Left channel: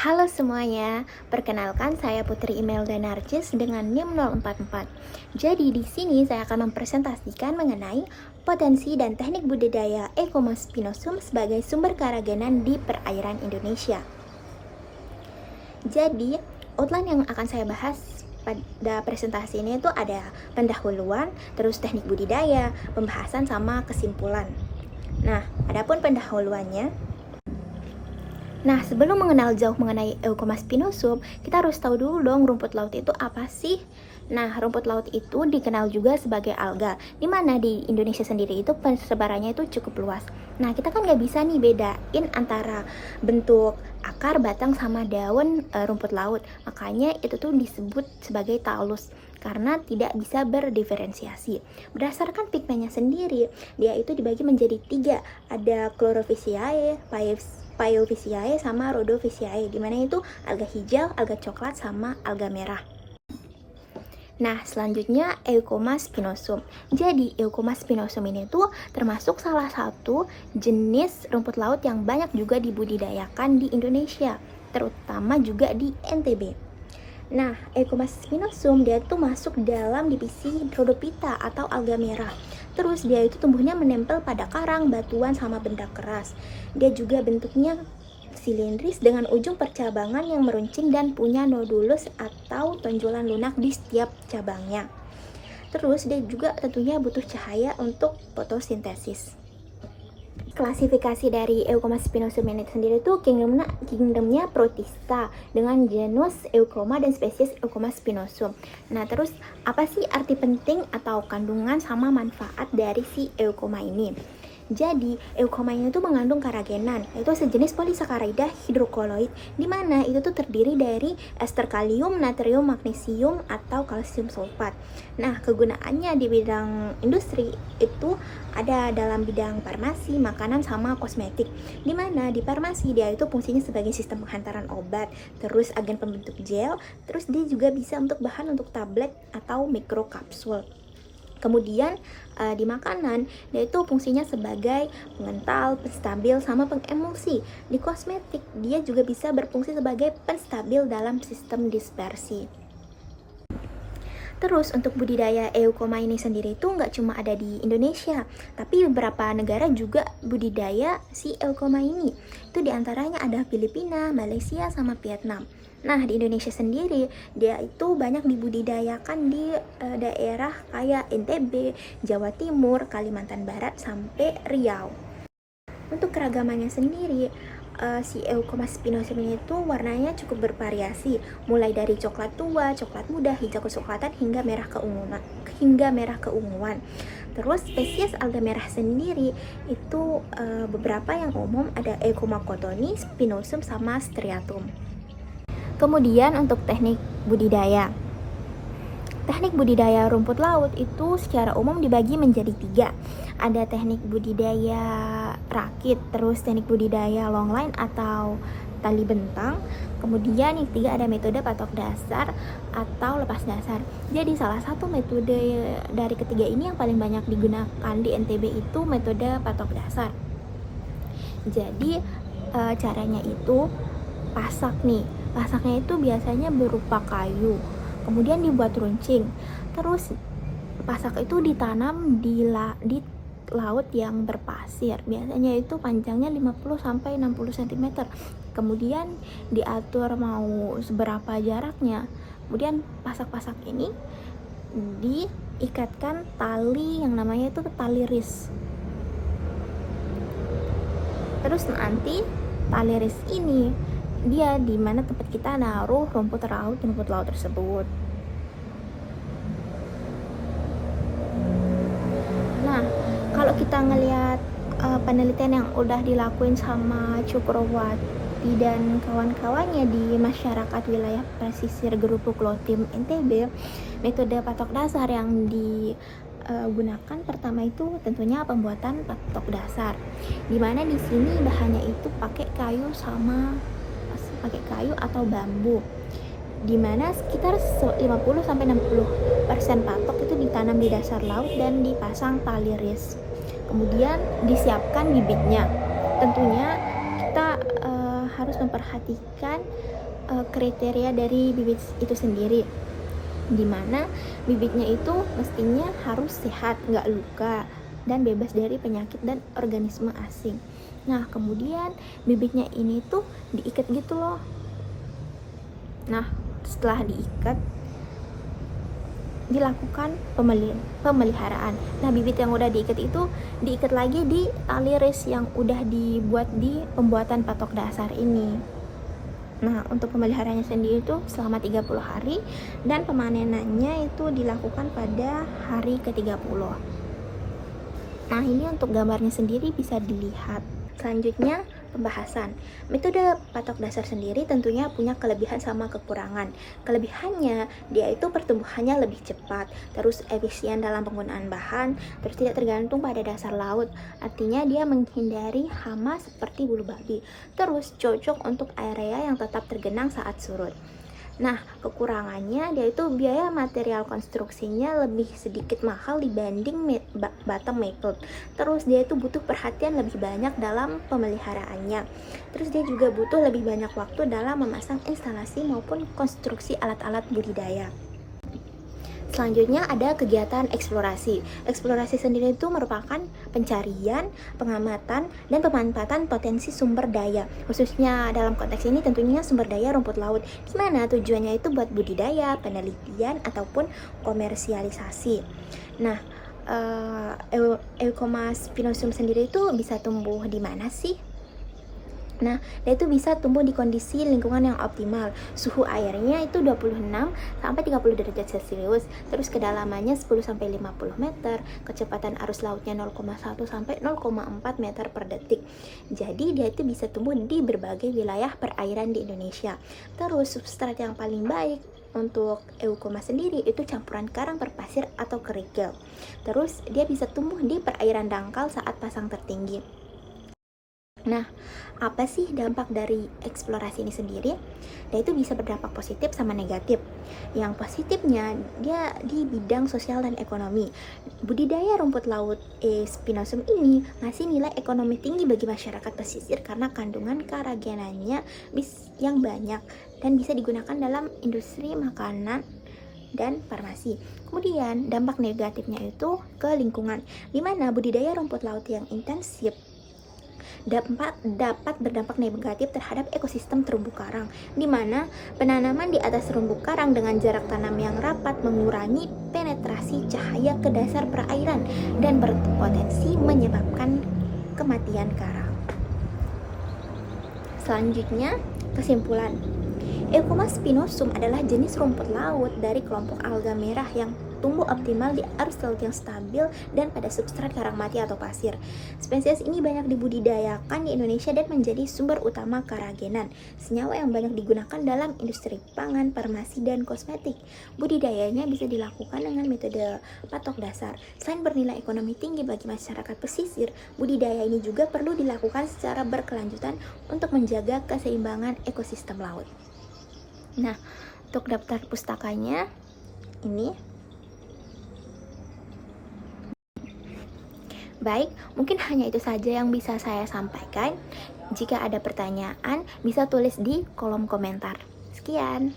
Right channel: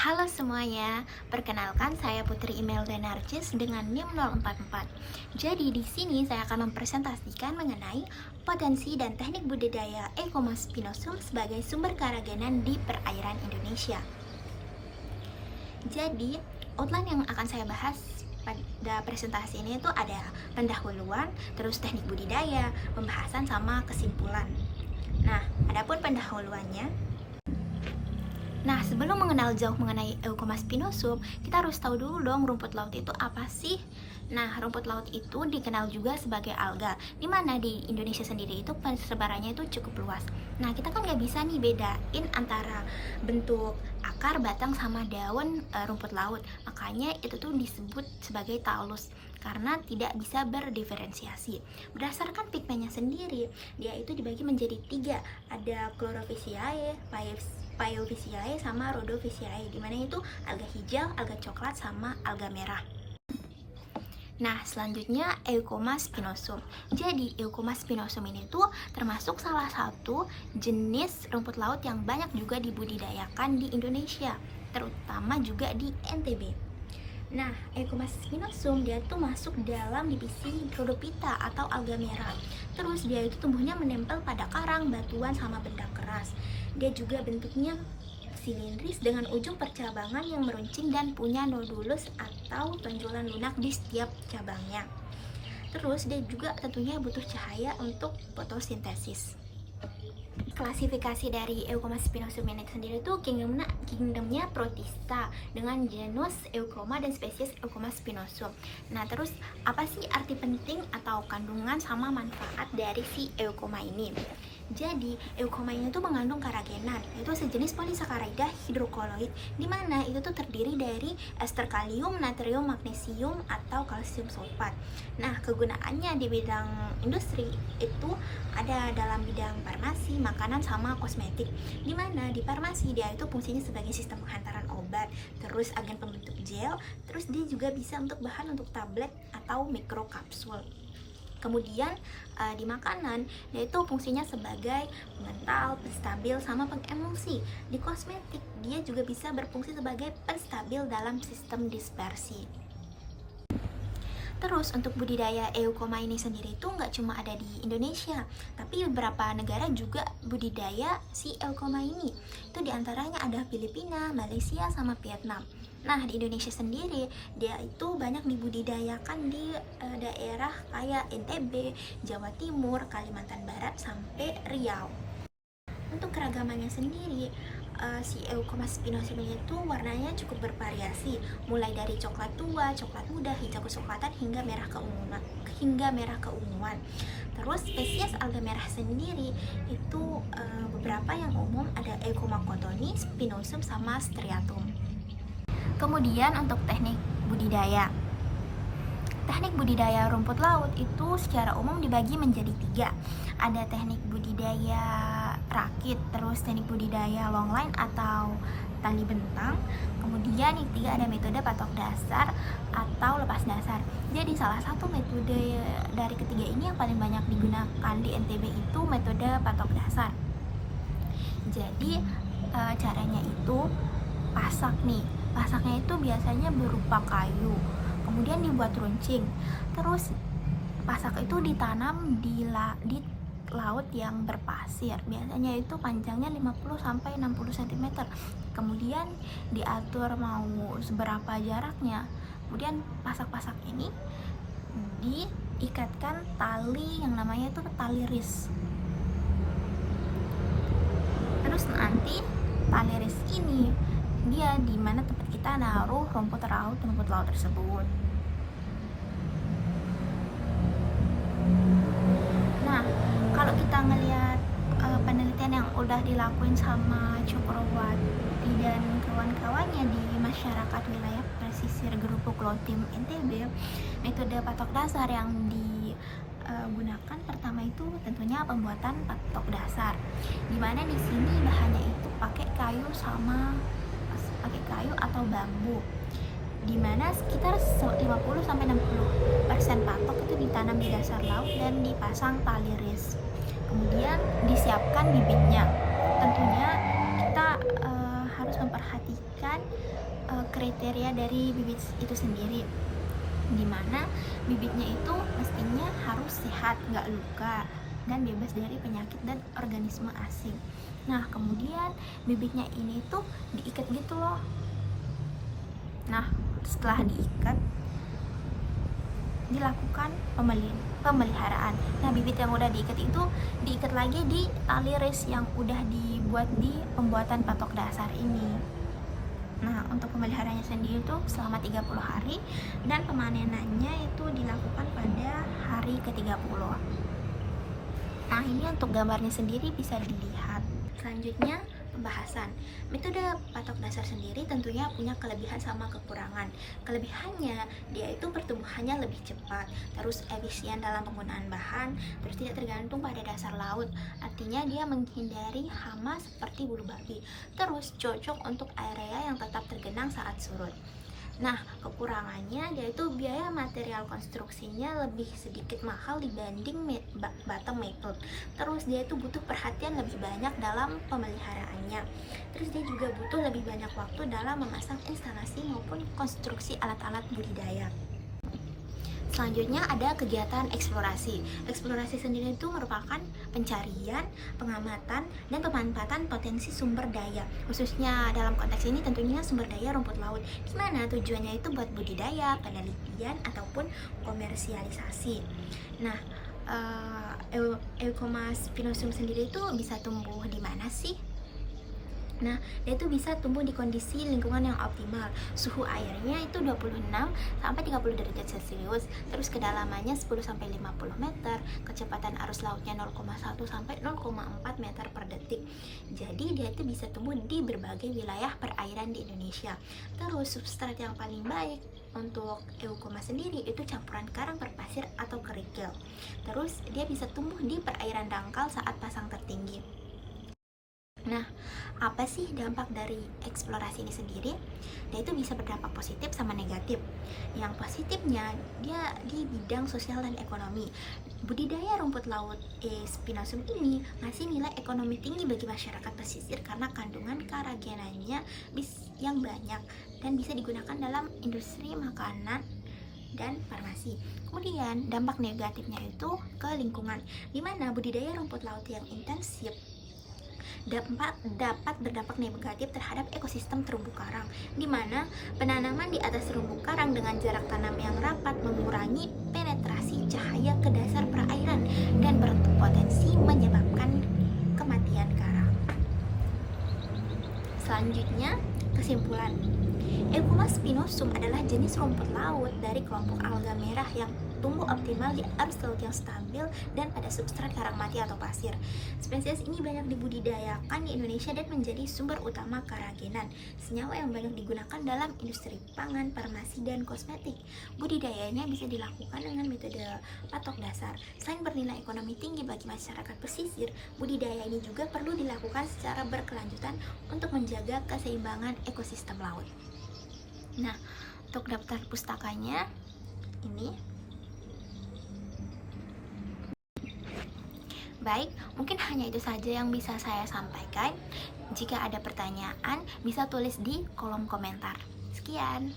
Halo semuanya, perkenalkan saya Putri Imelda Narcis dengan NIM 044. Jadi di sini saya akan mempresentasikan mengenai potensi dan teknik budidaya Eucomas spinosum sebagai sumber keragenan di perairan Indonesia. Jadi, outline yang akan saya bahas pada presentasi ini itu ada pendahuluan, terus teknik budidaya, pembahasan sama kesimpulan. Nah, adapun pendahuluannya, sebelum mengenal jauh mengenai Eucomas spinosum, kita harus tahu dulu dong rumput laut itu apa sih? Nah, rumput laut itu dikenal juga sebagai alga, dimana di Indonesia sendiri itu persebarannya itu cukup luas. Nah, kita kan nggak bisa nih bedain antara bentuk akar, batang, sama daun rumput laut. Makanya itu tuh disebut sebagai talus, karena tidak bisa berdiferensiasi. Berdasarkan pigmennya sendiri, dia itu dibagi menjadi 3, ada Chlorophyceae, Pyophyceae sama Rhodophyceae, dimana itu alga hijau, alga coklat, sama alga merah. Nah, selanjutnya Eucomas spinosum. Jadi, Eucomas spinosum ini tuh termasuk salah satu jenis rumput laut yang banyak juga dibudidayakan di Indonesia, terutama juga di NTB. Nah, Eucomas spinosum dia tuh masuk dalam divisi Rhodophyta atau alga merah. Terus dia itu tumbuhnya menempel pada karang, batuan, sama benda keras. Dia juga bentuknya silindris dengan ujung percabangan yang meruncing dan punya nodulus atau tonjolan lunak di setiap cabangnya. Terus dia juga tentunya butuh cahaya untuk fotosintesis. Klasifikasi dari Eucomas spinosum ini sendiri tuh kingdomnya Protista dengan genus Euchroma dan spesies Eucomas spinosum. Nah, terus apa sih arti penting atau kandungan sama manfaat dari si Euchroma ini? Jadi, Euchroma ini tuh mengandung karagenan, yaitu sejenis polisakarida hidrokoloid, di mana itu tuh terdiri dari ester kalium, natrium, magnesium, atau kalsium sulfat. Nah, kegunaannya di bidang industri itu ada dalam bidang farmasi, makanan, sama kosmetik. Di mana di farmasi dia itu fungsinya sebagai sistem penghantaran obat, terus agen pembentuk gel, terus dia juga bisa untuk bahan untuk tablet atau mikrokapsul. Kemudian di makanan dia itu fungsinya sebagai pengental, penstabil, sama pengemulsi. Di kosmetik dia juga bisa berfungsi sebagai penstabil dalam sistem dispersi. Terus untuk budidaya Euchroma ini sendiri itu nggak cuma ada di Indonesia, tapi beberapa negara juga budidaya si Euchroma ini. Itu diantaranya ada Filipina, Malaysia, sama Vietnam. Nah, di Indonesia sendiri dia itu banyak dibudidayakan di daerah kayak NTB, Jawa Timur, Kalimantan Barat, sampai Riau. Untuk keragamannya sendiri, si Eucomas spinosum ini tuh warnanya cukup bervariasi, mulai dari coklat tua, coklat muda, hijau kecoklatan, hingga merah keunguan. Terus spesies alga merah sendiri itu beberapa yang umum ada Euchroma cottoni, spinosum, sama striatum. Kemudian untuk teknik budidaya. Teknik budidaya rumput laut itu secara umum dibagi menjadi 3. Ada teknik budidaya rakit, terus teknik budidaya longline atau tali bentang. Kemudian yang ketiga ada metode patok dasar atau lepas dasar. Jadi salah satu metode dari ketiga ini yang paling banyak digunakan di NTB itu metode patok dasar. Jadi caranya itu pasak nih. Pasaknya itu biasanya berupa kayu, kemudian dibuat runcing. Terus pasak itu ditanam di laut yang berpasir. Biasanya itu panjangnya 50-60 cm. Kemudian diatur mau seberapa jaraknya. Kemudian pasak-pasak ini diikatkan tali yang namanya itu tali ris. Terus nanti tali ris ini dia di mana tempat kita naruh rumput laut tersebut. Nah, kalau kita ngelihat penelitian yang udah dilakuin sama Cukrowati dan kawan-kawannya di masyarakat wilayah pesisir Gerupuk Lotim NTB, metode patok dasar yang digunakan pertama itu tentunya pembuatan patok dasar, dimana di sini bahannya itu pakai kayu atau bambu, dimana sekitar 50-60% patok itu ditanam di dasar laut dan dipasang tali ris. Kemudian disiapkan bibitnya. Tentunya kita harus memperhatikan kriteria dari bibit itu sendiri, dimana bibitnya itu mestinya harus sehat, nggak luka, dan bebas dari penyakit dan organisme asing. Nah, kemudian bibitnya ini tuh diikat gitu loh. Nah, setelah diikat, dilakukan pemeliharaan. Nah, bibit yang udah diikat itu diikat lagi di tali res yang udah dibuat di pembuatan patok dasar ini. Nah, untuk pemeliharaannya sendiri itu selama 30 hari dan pemanenannya itu dilakukan pada hari ke-30. Nah, ini untuk gambarnya sendiri bisa dilihat. Selanjutnya, pembahasan. Metode patok dasar sendiri tentunya punya kelebihan sama kekurangan. Kelebihannya, dia itu pertumbuhannya lebih cepat, terus efisien dalam penggunaan bahan, terus tidak tergantung pada dasar laut. Artinya dia menghindari hama seperti bulu babi. Terus cocok untuk area yang tetap tergenang saat surut. Nah, kekurangannya dia itu biaya material konstruksinya lebih sedikit mahal dibanding bottom method. Terus dia itu butuh perhatian lebih banyak dalam pemeliharaannya. Terus dia juga butuh lebih banyak waktu dalam memasang instalasi maupun konstruksi alat-alat budidaya. Selanjutnya ada kegiatan eksplorasi. Eksplorasi sendiri itu merupakan pencarian, pengamatan, dan pemanfaatan potensi sumber daya. Khususnya dalam konteks ini tentunya sumber daya rumput laut, di mana tujuannya itu buat budidaya, penelitian, ataupun komersialisasi. Nah, Eucomas spinosum sendiri itu bisa tumbuh di mana sih? Nah, dia itu bisa tumbuh di kondisi lingkungan yang optimal. Suhu airnya itu 26 sampai 30 derajat Celcius. Terus kedalamannya 10 sampai 50 meter, kecepatan arus lautnya 0,1 sampai 0,4 meter per detik. Jadi, dia itu bisa tumbuh di berbagai wilayah perairan di Indonesia. Terus substrat yang paling baik untuk Eucomas sendiri itu campuran karang berpasir atau kerikil. Terus dia bisa tumbuh di perairan dangkal saat pasang tertinggi. Nah, apa sih dampak dari eksplorasi ini sendiri? Dia itu bisa berdampak positif sama negatif. Yang positifnya, dia di bidang sosial dan ekonomi. Budidaya rumput laut spinosum ini ngasih nilai ekonomi tinggi bagi masyarakat pesisir karena kandungan karagenannya yang banyak dan bisa digunakan dalam industri makanan dan farmasi. Kemudian, dampak negatifnya itu ke lingkungan, di mana budidaya rumput laut yang intensif dapat berdampak negatif terhadap ekosistem terumbu karang, di mana penanaman di atas terumbu karang dengan jarak tanam yang rapat mengurangi penetrasi cahaya ke dasar perairan dan berpotensi menyebabkan kematian karang. Selanjutnya, kesimpulan. Eucomas spinosum adalah jenis rumput laut dari kelompok alga merah yang tumbuh optimal di arus laut yang stabil dan pada substrat karang mati atau pasir. Spesies ini banyak dibudidayakan di Indonesia dan menjadi sumber utama karagenan, senyawa yang banyak digunakan dalam industri pangan, farmasi, dan kosmetik. Budidayanya bisa dilakukan dengan metode patok dasar. Selain bernilai ekonomi tinggi bagi masyarakat pesisir, budidaya ini juga perlu dilakukan secara berkelanjutan untuk menjaga keseimbangan ekosistem laut. Nah, untuk daftar pustakanya ini. Baik, mungkin hanya itu saja yang bisa saya sampaikan. Jika ada pertanyaan, bisa tulis di kolom komentar. Sekian.